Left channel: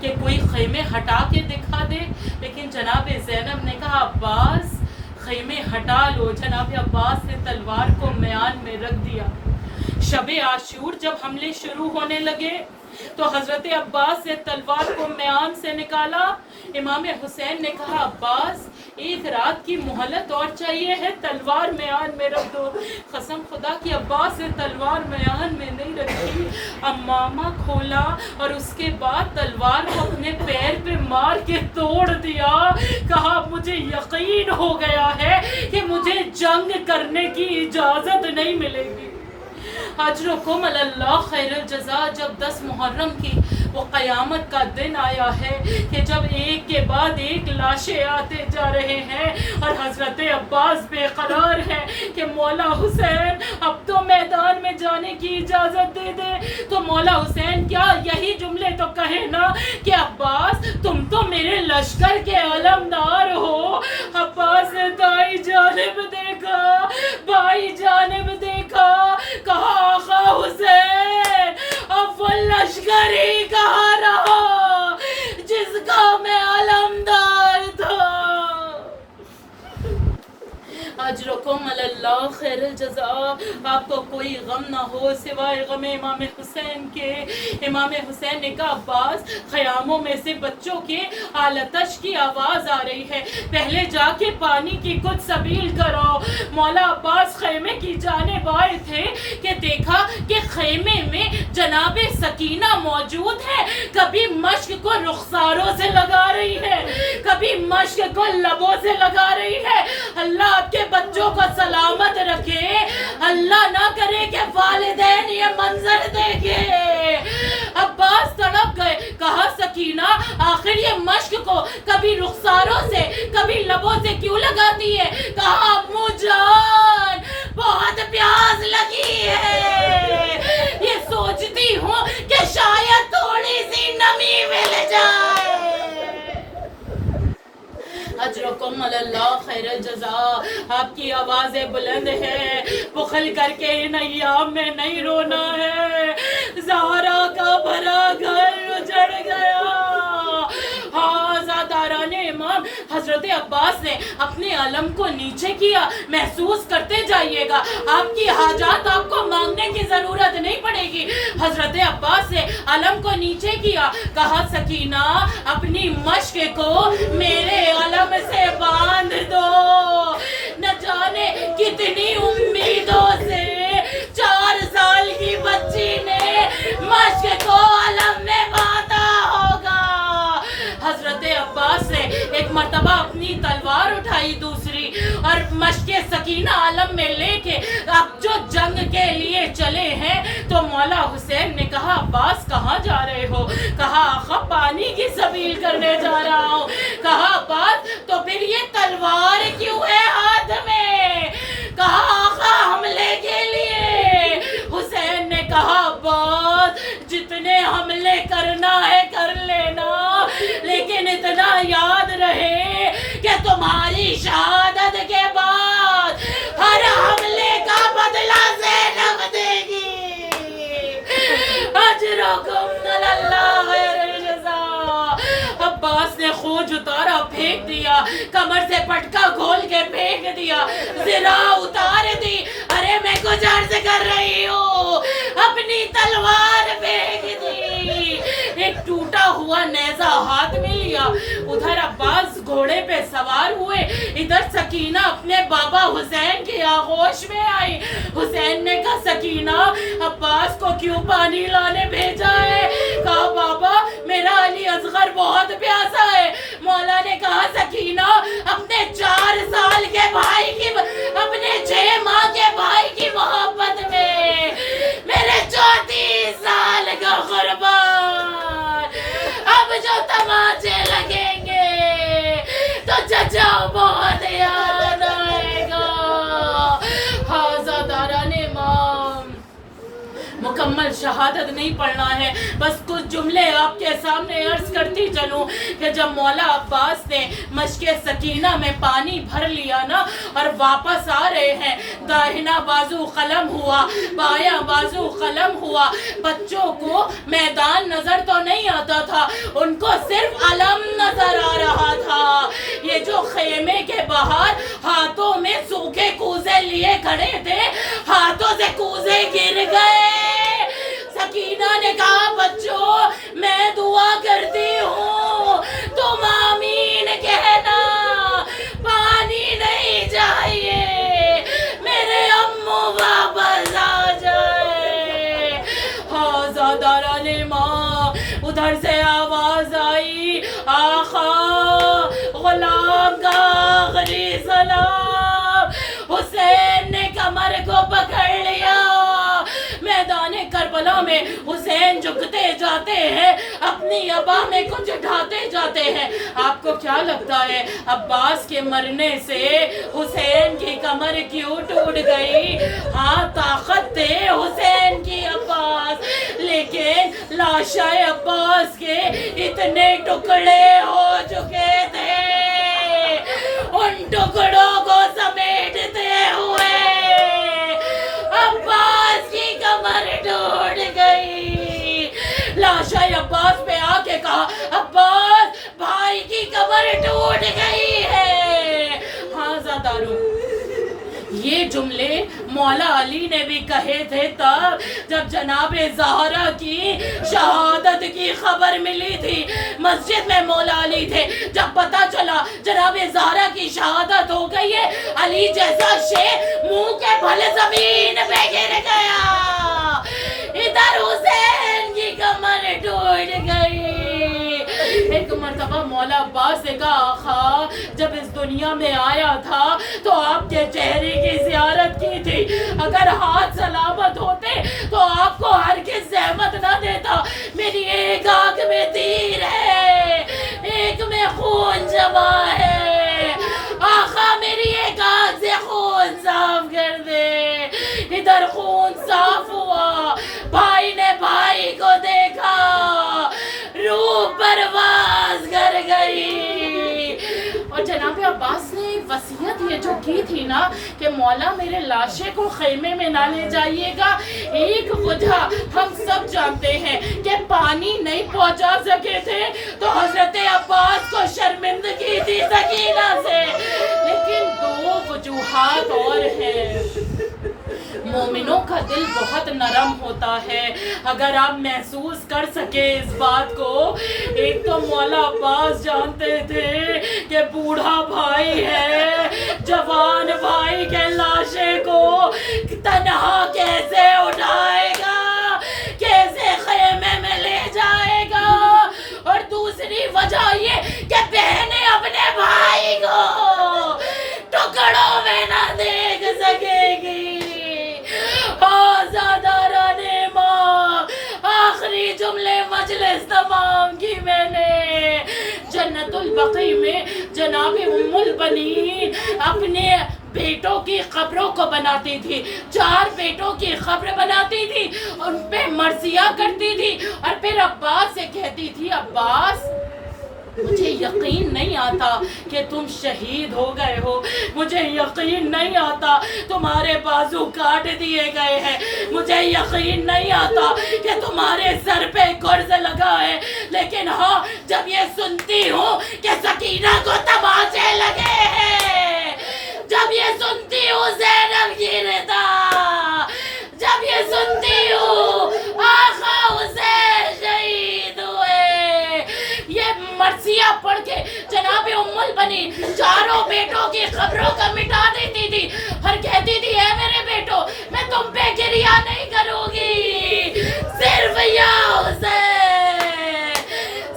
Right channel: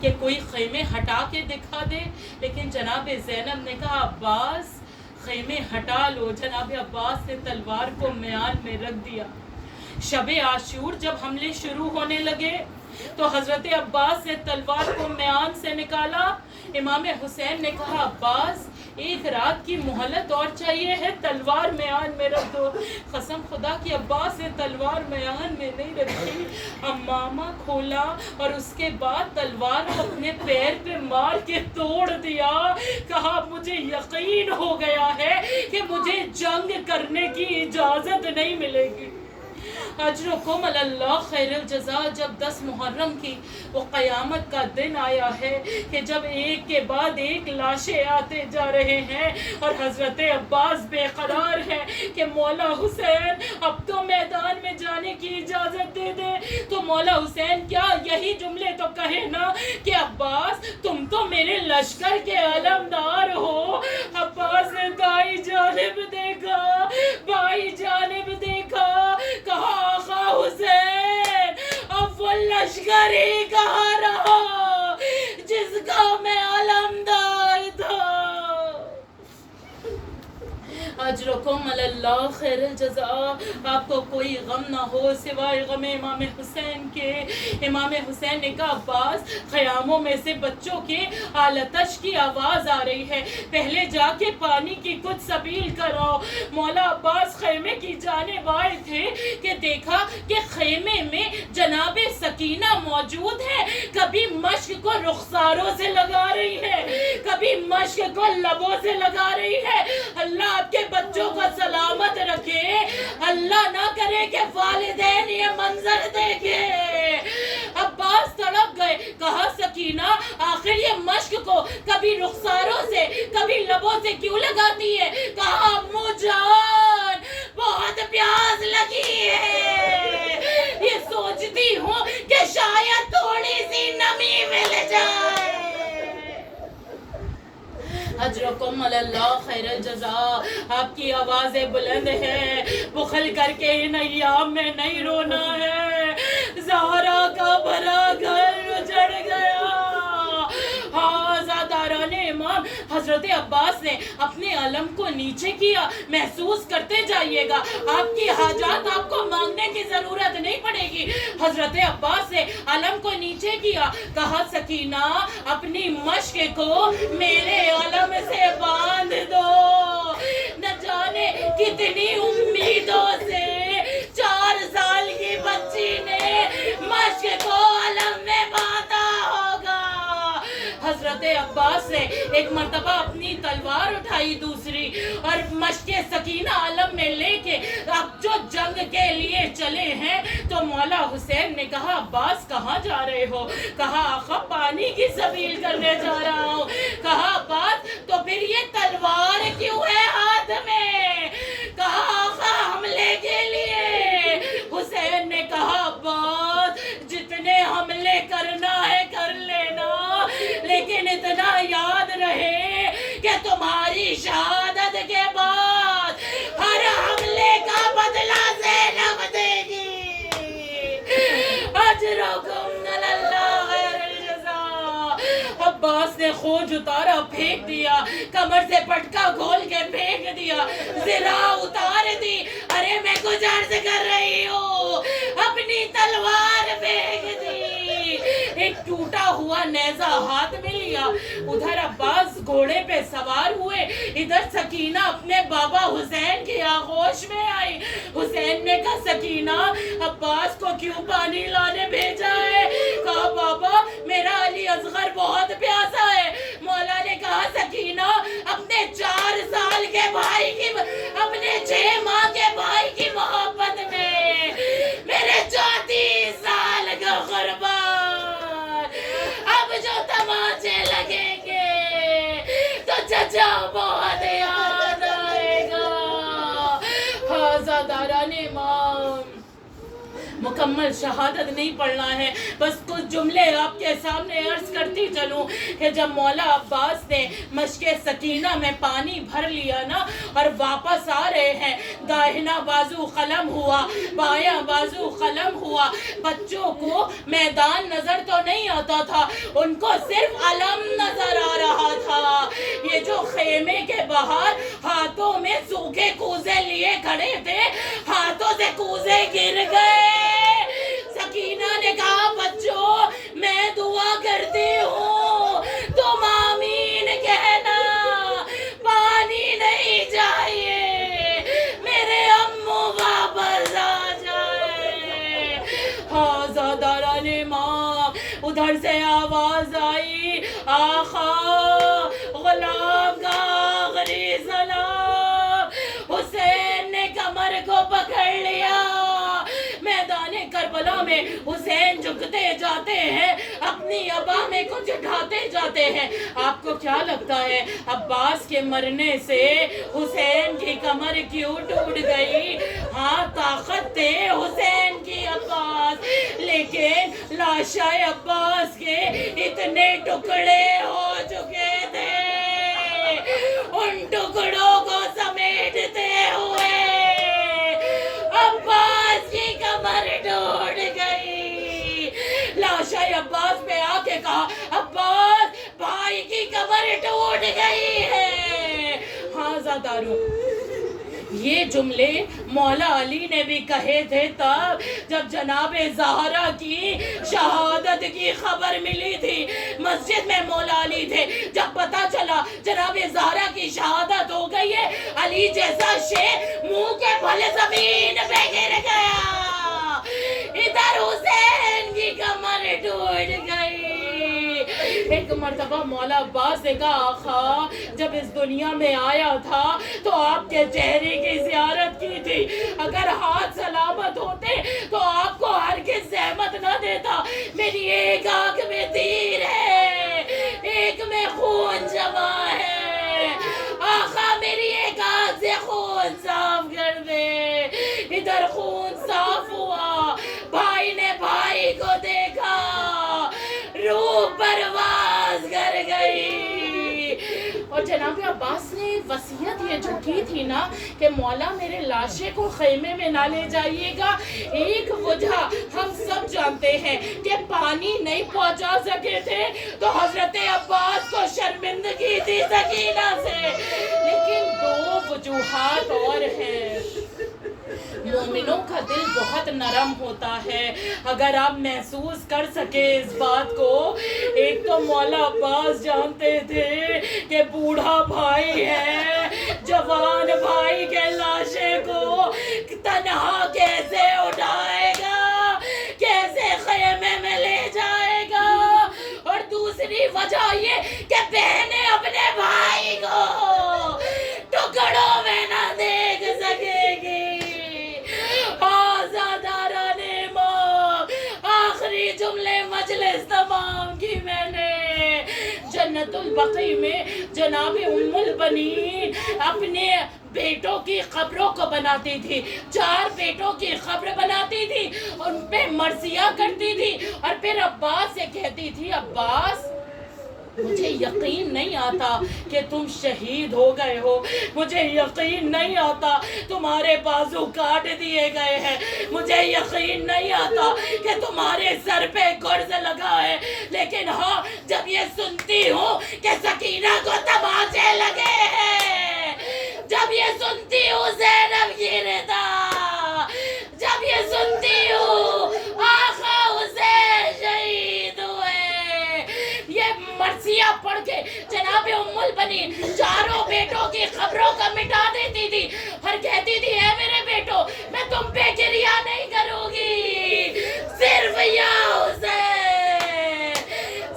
کہ کوئی خیمے ہٹا کے دکھا دے، لیکن جناب زینب نے کہا عباس خیمے ہٹا لو۔ جناب عباس نے تلوار کو میان میں رکھ دیا۔ شب عاشور جب حملے شروع ہونے لگے تو حضرت عباس نے تلوار کو میان سے نکالا۔ امام حسین نے کہا عباس ایک رات کی مہلت اور چاہیے ہے، تلوار میان میں رکھ دو۔ قسم خدا کی عباس نے تلوار میان میں نہیں رکھی، امامہ کھولا اور اس کے بعد تلوار کو اپنے پیر پہ مار کے توڑ دیا۔ کہا مجھے یقین ہو گیا ہے کہ مجھے جنگ کرنے کی اجازت نہیں ملے گی۔ اجرکم علی اللہ خیر الجزا۔ جب 10 محرم کی وہ قیامت کا دن آیا ہے کہ جب ایک کے بعد ایک لاشیں آتے جا رہے ہیں اور حضرت عباس بے قرار ہے کہ مولا حسین اب تو میدان میں جانے کی اجازت دے دے، تو مولا حسین کیا یہی جملے تو کہے نا کہ عباس تم تو میرے لشکر کے علمدار ہو۔ عباس نے دائیں جانب دیکھا، بائیں جانب دیکھا، کہا آقا حسین اب وہ لشکر ہی کہاں رہا جس کا میں علمدار تھا۔ اجرکم علی اللہ خیر الجزا۔ آپ کو کوئی غم نہ ہو سوائے غم امام حسین کے۔ امام حسین نے کہا عباس خیاموں میں سے بچوں کے آلتش کی آواز آ رہی ہے، پہلے جا کے پانی کی کچھ سبیل کرو۔ مولا عباس خیمے کی جانب آئے تھے کہ دیکھا کہ خیمے میں جناب سکینہ موجود ہے، کبھی مشک کو رخساروں سے لگا رہی ہے، کبھی مشک کو لبوں سے لگا رہی ہے۔ اللہ آپ کے بچوں کو سلامت رکھے، اللہ نہ کرے کہ والدین یہ منظر دیکھے۔ عباس تڑپ گئے، کہا سکینہ آخر یہ مشک کو کبھی رخساروں سے کبھی لبوں سے کیوں لگاتی ہے؟ کہا امو جان بہت پیاس لگی ہے، یہ سوچتی ہوں کہ شاید تھوڑی سی نمی مل جائے۔ اجرکم علی اللہ خیر الجزا۔ آپ کی آوازیں بلند ہے، بخل کر کے ان ایام میں نہیں رونا ہے۔ زہرا کا بھرا گھر اجڑ گیا۔ ہاں زاداران امام حضرت عباس نے اپنے علم کو نیچے کیا، محسوس کرتے جائیے گا، آپ کی حاجات آپ کو مانگنے کی ضرورت نہیں پڑے گی۔ حضرت عباس نے علم کو نیچے کیا، کہا سکینہ اپنی مشق کو میرے علم سے باندھ دو۔ نہ جانے کتنی امیدوں سے 4 سال کی بچی نے مشق کو علم میں باندھا ہوگا۔ حضرت عباس نے ایک مرتبہ اپنی تلوار اٹھائی دوسری اور مشق سکینہ علم میں لے کے اب جو جنگ کے لیے چلے ہیں تو مولا حسین نے کہا عباس کہاں جا رہے ہو؟ کہا آقا پانی کی سبیل کرنے جا رہا ہوں۔ کہا عباس تو پھر یہ تلوار کیوں ہے ہاتھ میں؟ کہا آقا حملے کے لیے۔ حسین نے کہا عباس جتنے حملے کرنا ہے کر لینا، لیکن اتنا یاد رہے کہ تمہاری شہادت کے بعد ہر حملے کا بدلہ زینب دے گی۔ اجرکم علی اللہ خیر الجزا۔ عباس نے خوج اتارا پھینک دیا، کمر سے پٹکا کھول کے پھینک دیا، ذرا اتار دی، ارے میں کچھ عرض کر رہی ہوں، اپنی تلوار پھینک دی، ایک ٹوٹا ہوا نیزہ ہاتھ میں لیا۔ ادھر عباس گھوڑے پہ سوار ہوئے، ادھر سکینہ اپنے بابا حسین کی آغوش میں آئی۔ حسین نے کہا سکینہ عباس کو کیوں پانی لانے بھیجا ہے؟ کہا بابا میرا علی اصغر بہت پیاسا ہے۔ مولا نے کہا سکینہ اپنے 4 سال کے بھائی کی، اپنے 6 ماہ کے بھائی کی محبت میں میرے 34 سال کا قربان، اب جو تماچے لگیں گے تو چچا بہت یاد آئے گا۔ حاضر داران امام مکمل شہادت نہیں پڑھنا ہے، بس کچھ جملے آپ کے سامنے عرض کرتی چلوں کہ جب مولا عباس نے مشق سکینہ میں پانی بھر لیا نا اور واپس آ رہے ہیں، داہنا بازو قلم ہوا، بایاں بازو قلم ہوا، بچوں کو میدان نظر تو نہیں آتا تھا، ان کو صرف علم نظر آ رہا تھا۔ یہ جو خیمے کے باہر ہاتھوں میں سوکھے کوزے لیے کھڑے تھے، ہاتھوں سے کوزے گر گئے۔ سکینہ نے کہا بچوں میں دعا کرتی ہوں، تم آمین کہنا، پانی نہیں چاہیے، میرے امو واپس آ جائے۔ آزاداران ماں، ادھر سے آواز آئی، آقا غلام کا آخری سلام۔ حسین نے کمر کو پکڑ لیا۔ میدان کربلا میں حسین جھکتے جاتے ہیں، اپنی ابا میں کچھ ڈھاتے جاتے ہیں۔ آپ کو کیا لگتا ہے عباس کے مرنے سے حسین کی کمر کیوں ٹوٹ گئی؟ ہاں طاقت تھے حسین کی عباس، لیکن لاشیں عباس کے اتنے ٹکڑے ہو چکے تھے، ان ٹکڑوں کو سمیٹتے ہوئے عباس کی کمر ٹوٹ گئی۔ لاشیں عباس پہ آ کے کہا عباس بھائی کی کمر ٹوٹ گئی ہے۔ ہاں زادارو، یہ جملے مولا علی نے بھی کہے تھے تب جب جناب زہرا کی شہادت کی خبر ملی تھی۔ مسجد میں مولا علی تھے، جب پتہ چلا جناب زہرا کی شہادت ہو گئی ہے، علی جیسا شیر منہ کے بھل زمین پہ گر گیا۔ ادھر حسین کی کمر ٹوٹ گئی۔ ایک مرتبہ مولا عباس نے کہا آقا جب اس دنیا میں آیا تھا تو آپ کے چہرے کی زیارت کی تھی، اگر ہاتھ سلامت ہوتے تو آپ کو ہرگز زحمت نہ دیتا۔ میری ایک آنکھ میں تیر ہے، ایک میں خون جمع ہے، آقا میری ایک آنکھ سے خون صاف کر دے۔ ادھر خون صاف ہوا، بھائی نے بھائی کو دیکھا، روح پرواز کر گئی۔ اور جناب عباس نے وصیت یہ جو کی تھی نا کہ مولا میرے لاشے کو خیمے میں نہ لے جائیے گا، ایک وجہ ہم سب جانتے ہیں کہ پانی نہیں پہنچا سکے تھے تو حضرت عباس کو شرمندگی تھی سکینہ سے، لیکن دو وجوہات اور ہیں۔ مومنوں کا دل بہت نرم ہوتا ہے، اگر آپ محسوس کر سکے اس بات کو۔ ایک تو مولا عباس جانتے تھے کہ بوڑھا بھائی ہے، جوان بھائی کے لاشے کو تنہا کیسے اٹھائے گا، کیسے خیمے میں لے جائے گا، اور دوسری وجہ یہ کہ بہنیں اپنے بھائی کو ٹکڑوں میں نہ دیکھ سکے گی۔ آزاداران ماں، آخری جملے مجلس تمام کی میں نے۔ جنت البقیع میں جناب ام البنین اپنے بیٹوں کی قبروں کو بناتی تھی، 4 بیٹوں کی قبر بناتی تھی، ان پہ مرثیہ کرتی تھی، اور پھر عباس سے کہتی تھی عباس مجھے یقین نہیں آتا کہ تم شہید ہو گئے ہو، مجھے یقین نہیں آتا تمہارے بازو کاٹ دیے گئے ہیں، مجھے یقین نہیں آتا کہ تمہارے سر پہ گرز لگا ہے، لیکن ہاں جب یہ سنتی ہوں کہ سکینہ کو تماچے لگے ہیں، جب یہ سنتی ہوں زینب کی رضا، جب یہ سنتی ہوں آقا حسین شہید ہوئے، یہ مرثیہ پڑھ کے جناب ام البنین 4 بیٹوں کی قبروں کا مٹا دیتی تھی، اور کہتی تھی اے میرے بیٹو میں تم پہ گریہ نہیں کروں گی، صرف یا حسین،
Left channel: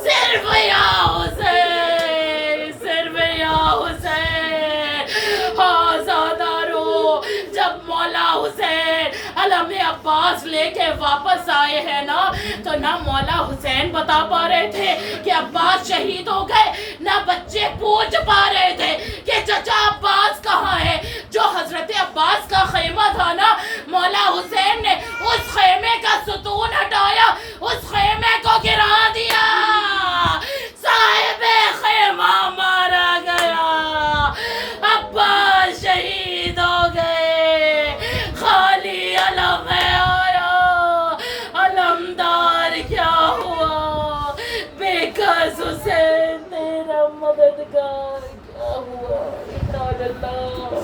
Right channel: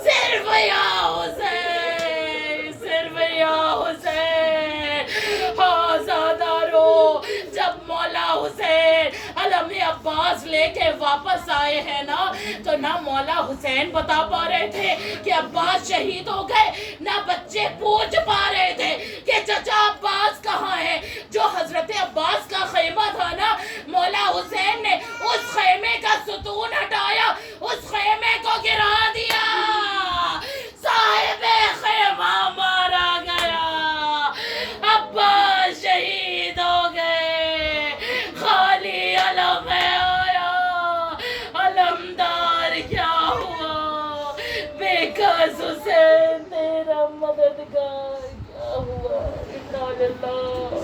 صرف یا حسین، صرف یا حسین۔ آزادارو، جب مولا حسین علم عباس لے کے واپس آئے ہیں نا، تو نہ مولا حسین بتا پا رہے تھے کہ عباس شہید ہو گئے، نہ بچے پوچھ پا رہے تھے کہ چچا عباس کہاں ہے۔ جو حضرت عباس کا خیمہ تھا نا، مولا حسین نے اس خیمے کا ستون ہٹایا، اس خیمے کو گرا دیا، صاحب خیمہ مارا گیا، عباس شہید ہو گئے، خالی علم ہے آیا، علمدار کیا ہوا، بس حسین تیرا مددگار کیا ہوا؟ انا للہ